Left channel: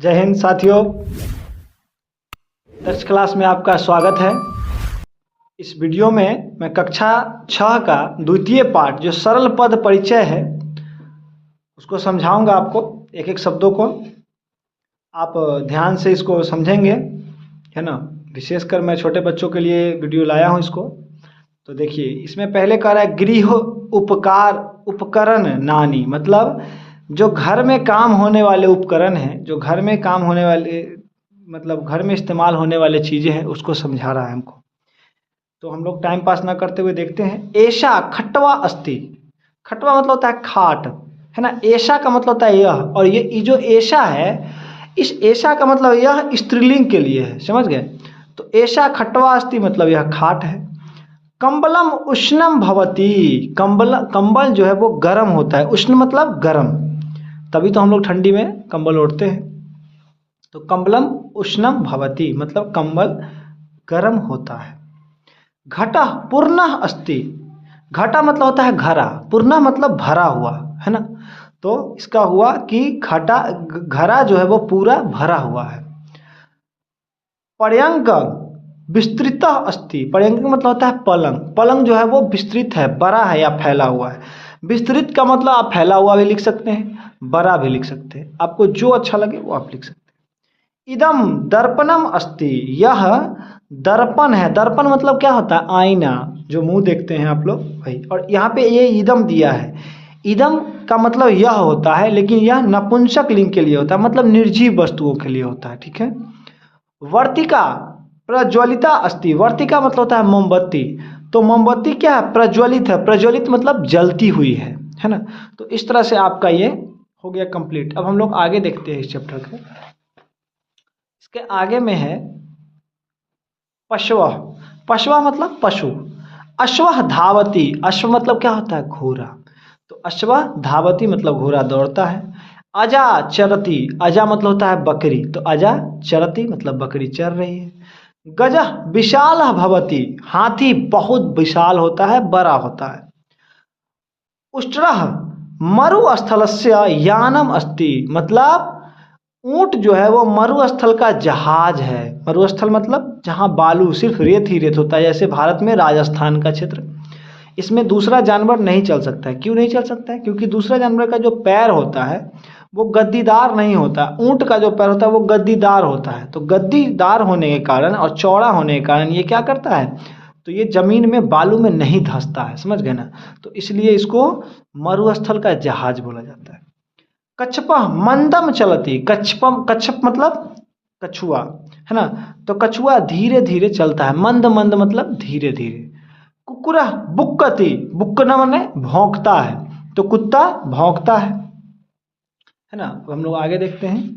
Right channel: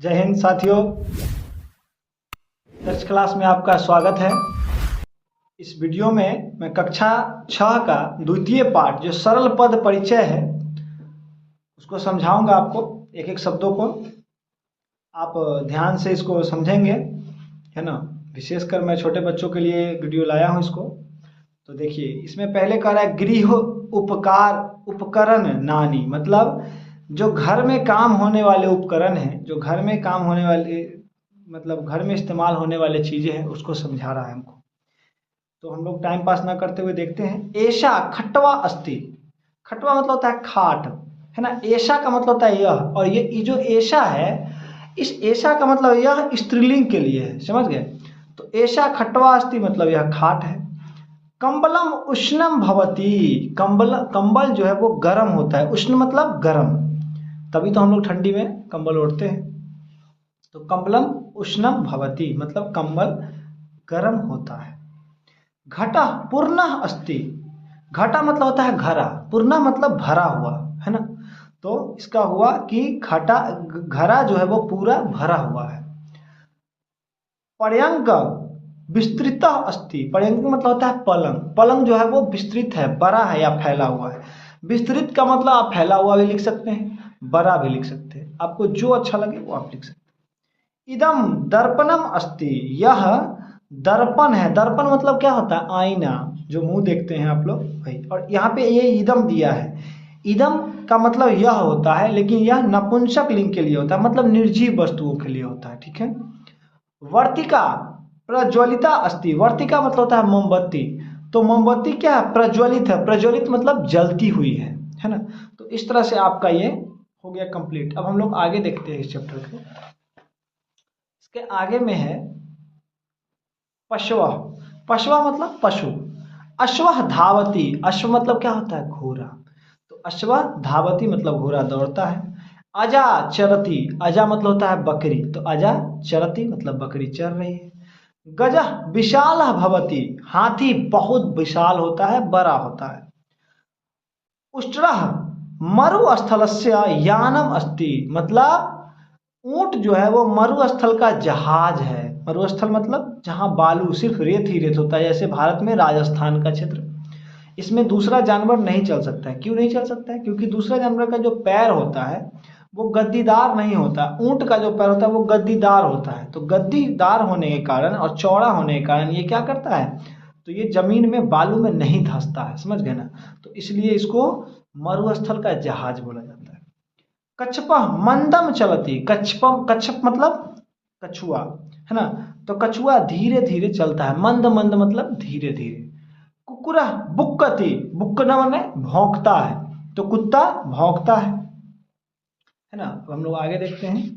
जय हिंद साथियों। First class में आपका स्वागत है। इस वीडियो में मैं कक्षा 6 का द्वितीय पाठ जो सरल पद परिचय है उसको समझाऊंगा आपको, एक एक शब्दों को आप ध्यान से इसको समझेंगे, है ना। विशेषकर मैं छोटे बच्चों के लिए वीडियो लाया हूँ इसको। तो देखिए, इसमें पहले कह रहा है गृह उपकार उपकरण नानी, मतलब जो घर में काम होने वाले उपकरण हैं, जो घर में काम होने वाले मतलब घर में इस्तेमाल होने वाले चीज़ें हैं, उसको समझा रहा है हमको। तो हम लोग टाइम पास ना करते हुए देखते हैं। ऐशा खट्वा अस्ति, खट्वा मतलब होता है खाट, है ना। ऐशा का मतलब होता है यह, और ये जो ऐशा है, इस ऐशा का मतलब यह स्त्रीलिंग के लिए है, समझ गए। तो ऐशा खट्वा अस्ति मतलब यह खाट है। कंबलम उष्णम भवती, कंबल जो है वो गर्म होता है। उष्ण मतलब गर्म, तभी तो हम लोग ठंडी में कंबल ओढ़ते हैं। तो कंबलम उष्णम भवती मतलब कंबल गर्म होता है। घटा पूर्ण अस्ति, घटा मतलब होता है घरा, पूर्ण मतलब भरा हुआ, है ना। तो इसका हुआ कि घटा घरा जो है वो पूरा भरा हुआ है। पर्यंक विस्तृत अस्ति, पर्यंक मतलब होता है पलंग, पलंग जो है वो विस्तृत है, बड़ा है या फैला हुआ है। विस्तृत का मतलब आप फैला हुआ भी लिख सकते हैं, बड़ा भी लिख सकते हैं, आपको जो अच्छा लगे वो आप लिख सकते हैं। इदम दर्पणम अस्ति, यह दर्पण है। दर्पण मतलब क्या होता है? आईना, जो मुंह देखते हैं आप लोग, भाई। और यहाँ पे ये इदम दिया है। इदम का मतलब यह होता है, लेकिन यह नपुंसक लिंग के लिए होता है, मतलब निर्जीव वस्तुओं के लिए होता है, ठीक है। वर्तिका प्रज्वलिता अस्ति, वर्तिका मतलब होता है मोमबत्ती। तो मोमबत्ती क्या है? प्रज्वलित है, प्रज्वलित मतलब जलती हुई है ना। तो इस तरह से आपका ये हो गया कंप्लीट। अब हम लोग आगे देखते हैं इस चैप्टर के। इसके आगे में है पशव, पशव मतलब पशु। अश्व धावती, अश्व मतलब क्या होता है? घोड़ा। तो अश्व धावती मतलब घोड़ा दौड़ता है। अजा चरती, अजा मतलब होता है बकरी, तो अजा चरती मतलब बकरी चर रही है। गज विशाल भवती, हाथी बहुत विशाल होता है, बड़ा होता है। उष्ट्रः मरुस्थलस्य यानम अस्ति, मतलब ऊंट जो है वो मरुस्थल का जहाज है। मरुस्थल मतलब जहाँ बालू सिर्फ रेत ही रेत होता है, जैसे भारत में राजस्थान का क्षेत्र। इसमें दूसरा जानवर नहीं चल सकता है। क्यों नहीं चल सकता है? क्योंकि दूसरा जानवर का जो पैर होता है वो गद्दीदार नहीं होता। ऊंट का जो पैर होता है वो गद्दीदार होता है। तो गद्दीदार होने के कारण और चौड़ा होने के कारण ये क्या करता है? तो ये जमीन में बालू में नहीं धंसता है, समझ गए ना। तो इसलिए इसको मरुस्थल का जहाज बोला जाता है। कच्छप मंदम चलती, कच्छपम, कच्छप मतलब कछुआ, है ना। तो कछुआ धीरे धीरे चलता है, मंद मंद मतलब धीरे धीरे। कुकुरा बुक्कति, बुक्कना माने भौंकता है, तो कुत्ता भौंकता है ना। अब हम लोग आगे देखते हैं।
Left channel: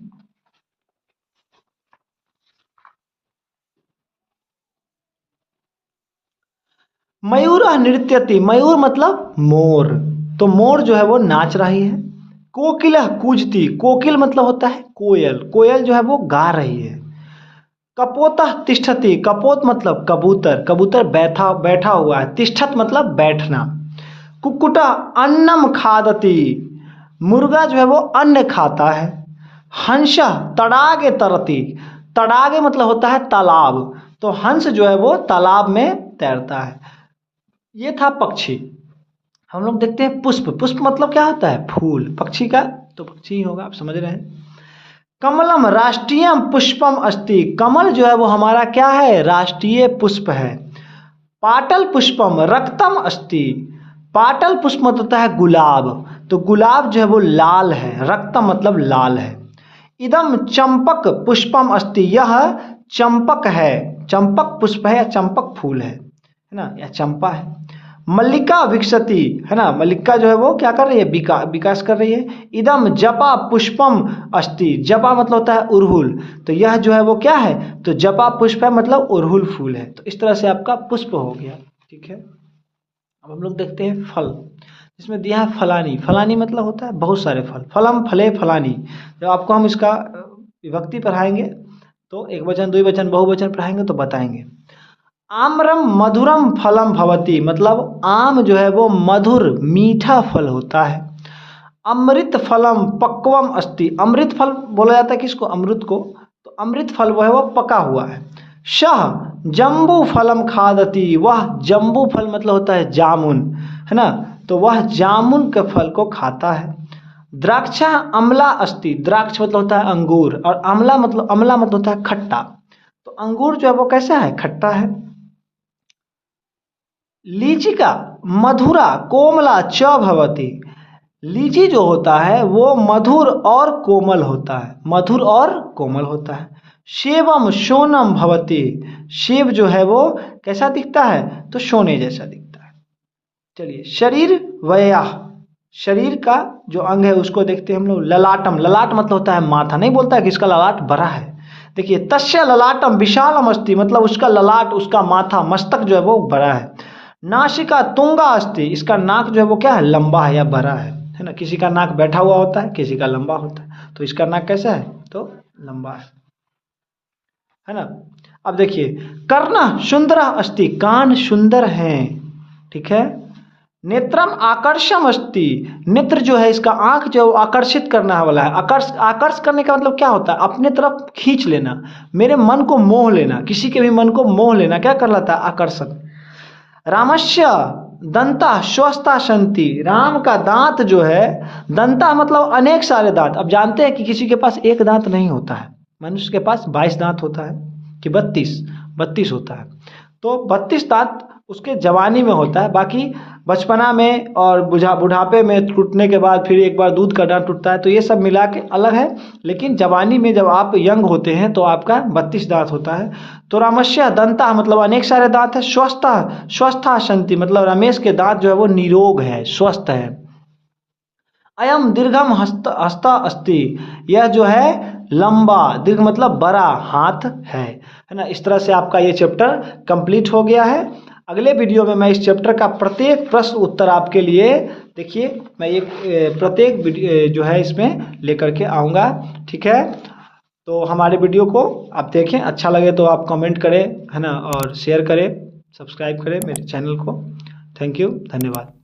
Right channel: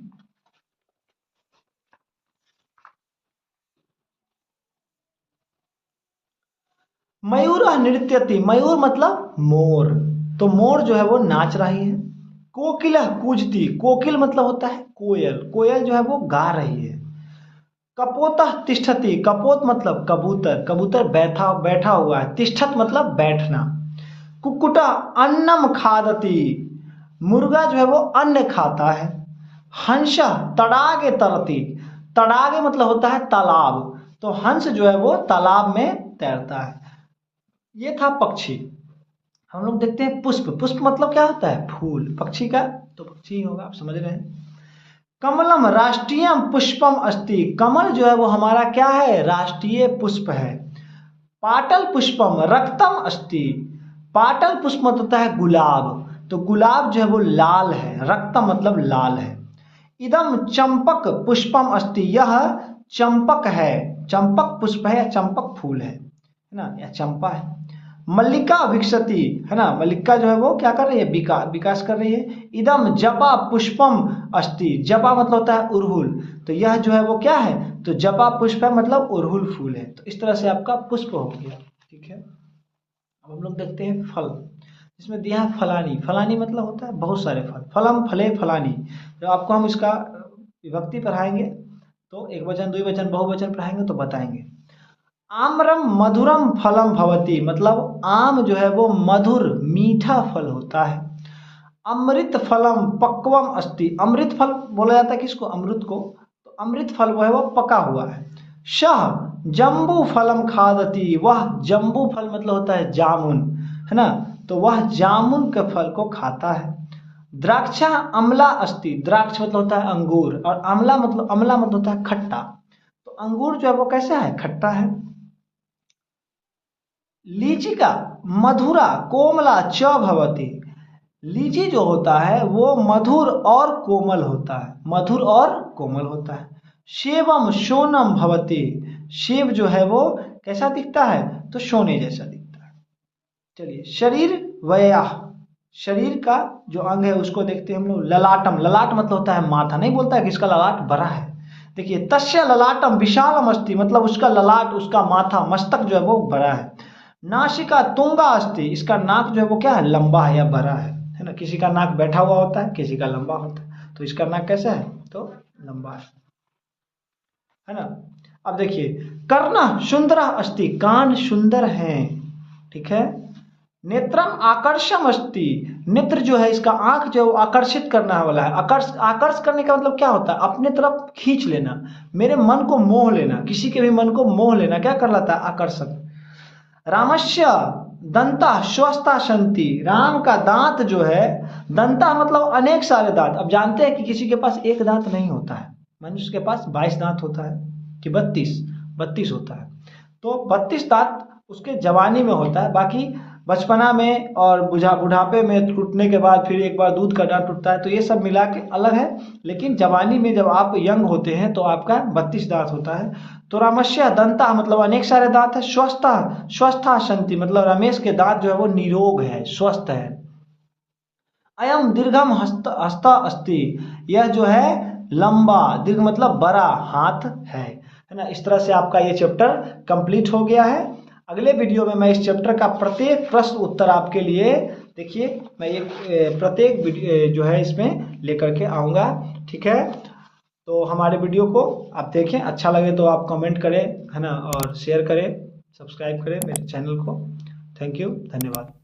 मयूर नृत्यति, मयूर मतलब मोर, तो मोर जो है वो नाच रही है। कोकिला कूजती, कोकिल मतलब होता है कोयल, कोयल जो है वो गा रही है। कपोता तिष्ठति, कपोत मतलब कबूतर, कबूतर बैठा बैठा हुआ है। तिष्ठत मतलब बैठना। कुक्कुटा अन्नम खादति, मुर्गा जो है वो अन्न खाता है। हंस तड़ागे तरती, तड़ागे मतलब होता है तालाब, तो हंस जो है वो तालाब में तैरता है। ये था पक्षी। हम लोग देखते हैं पुष्प, पुष्प मतलब क्या होता है? फूल। पक्षी का तो पक्षी ही होगा, आप समझ रहे हैं। कमलम राष्ट्रीय पुष्पम अस्ति, कमल जो है वो हमारा क्या है? राष्ट्रीय पुष्प है। पाटल पुष्पम रक्तम अस्ति, पाटल पुष्प मतलब होता है गुलाब, तो गुलाब जो है वो लाल है। रक्तम मतलब लाल है। इदम चंपक पुष्पम अस्ति, यह चंपक है, चंपक पुष्प है या चंपक फूल है ना, या चंपा है। मल्लिका विकसती, है ना, मल्लिका जो है वो क्या कर रही है? विकास कर रही है। इदम जपा पुष्पम अस्ति, जपा मतलब होता है उड़हुल, तो यह जो है वो क्या है? तो जपा पुष्प है मतलब उड़हुल फूल है। तो इस तरह से आपका पुष्प हो गया, ठीक है। अब हम लोग देखते हैं फल। इसमें दिया है फलानी, फलानी मतलब होता है बहुत सारे फल। फलम फले फलानी, जब आपको हम इसका विभक्ति पढ़ाएंगे तो एक वचन द्विवचन बहुवचन पढ़ाएंगे तो बताएंगे। आम्रम मधुरम फलम भवती, मतलब आम जो है वो मधुर मीठा फल होता है। अमृत फलम पक्वम अस्ति, अमृत फल बोला जाता है किसको, अमृत को, तो अमृत फल वह है वो पका हुआ है। शह जम्बू फलम खादति, वह जम्बू फल मतलब होता है जामुन, है ना, तो वह जामुन के फल को खाता है। द्राक्षा अम्ला अस्ति, द्राक्ष मतलब होता है अंगूर, और अम्ला मतलब होता है खट्टा, तो अंगूर जो है वो कैसा है, खट्टा है। लीची का मधुरा कोमला च भवति, लीची जो होता है वो मधुर और कोमल होता है, मधुर और कोमल होता है। सेवम सोनम भवति, सेब जो है वो कैसा दिखता है, तो सोने जैसा दिखता है। चलिए शरीर वया, शरीर का जो अंग है उसको देखते हैं हम लोग। ललाटम, ललाट मतलब होता है माथा, नहीं बोलता है कि इसका ललाट बड़ा है। देखिए तस्य ललाटम विशालम अस्ति, मतलब उसका ललाट, उसका माथा, मस्तक जो है वो बड़ा है। नासिका तुंगा अस्ति, इसका नाक जो है वो क्या है, लंबा है या बड़ा है ना, किसी का नाक बैठा हुआ होता है, किसी का लंबा होता है, तो इसका नाक कैसा है, तो लंबा है ना। अब देखिए कर्ण सुंदर अस्ति, कान सुंदर हैं, ठीक है। नेत्रम आकर्षम अस्ति, नेत्र जो है इसका आंख जो आकर्षित करना वाला है। आकर्ष करने का मतलब क्या होता है, अपने तरफ खींच लेना, मेरे मन को मोह लेना, किसी के भी मन को मोह लेना, क्या कर लेता है, आकर्षण। रामस्य दंता स्वस्था संति, राम का दांत जो है, दंता मतलब अनेक सारे दांत। अब जानते हैं कि किसी के पास एक दांत नहीं होता है, मनुष्य के पास 22 दांत होता है कि 32 होता है, तो 32 दांत उसके जवानी में होता है, बाकी बचपना में और बुढ़ापे में टूटने के बाद फिर एक बार दूध का दांत टूटता है, तो ये सब मिला के अलग है। लेकिन जवानी में जब आप यंग होते हैं तो आपका 32 दांत होता है। तो रामस्य दंता मतलब अनेक सारे दांत है। स्वस्था संति मतलब रमेश के दांत जो है वो निरोग है, स्वस्थ है। अयम दीर्घम हस्त अस्ति, यह जो है लंबा, दीर्घ मतलब बड़ा हाथ है ना। इस तरह से आपका ये चैप्टर कंप्लीट हो गया है। अगले वीडियो में मैं इस चैप्टर का प्रत्येक प्रश्न उत्तर आपके लिए, देखिए मैं एक प्रत्येक जो है इसमें लेकर के आऊँगा, ठीक है। तो हमारे वीडियो को आप देखें, अच्छा लगे तो आप कमेंट करें, है ना, और शेयर करें, सब्सक्राइब करें मेरे चैनल को। थैंक यू, धन्यवाद।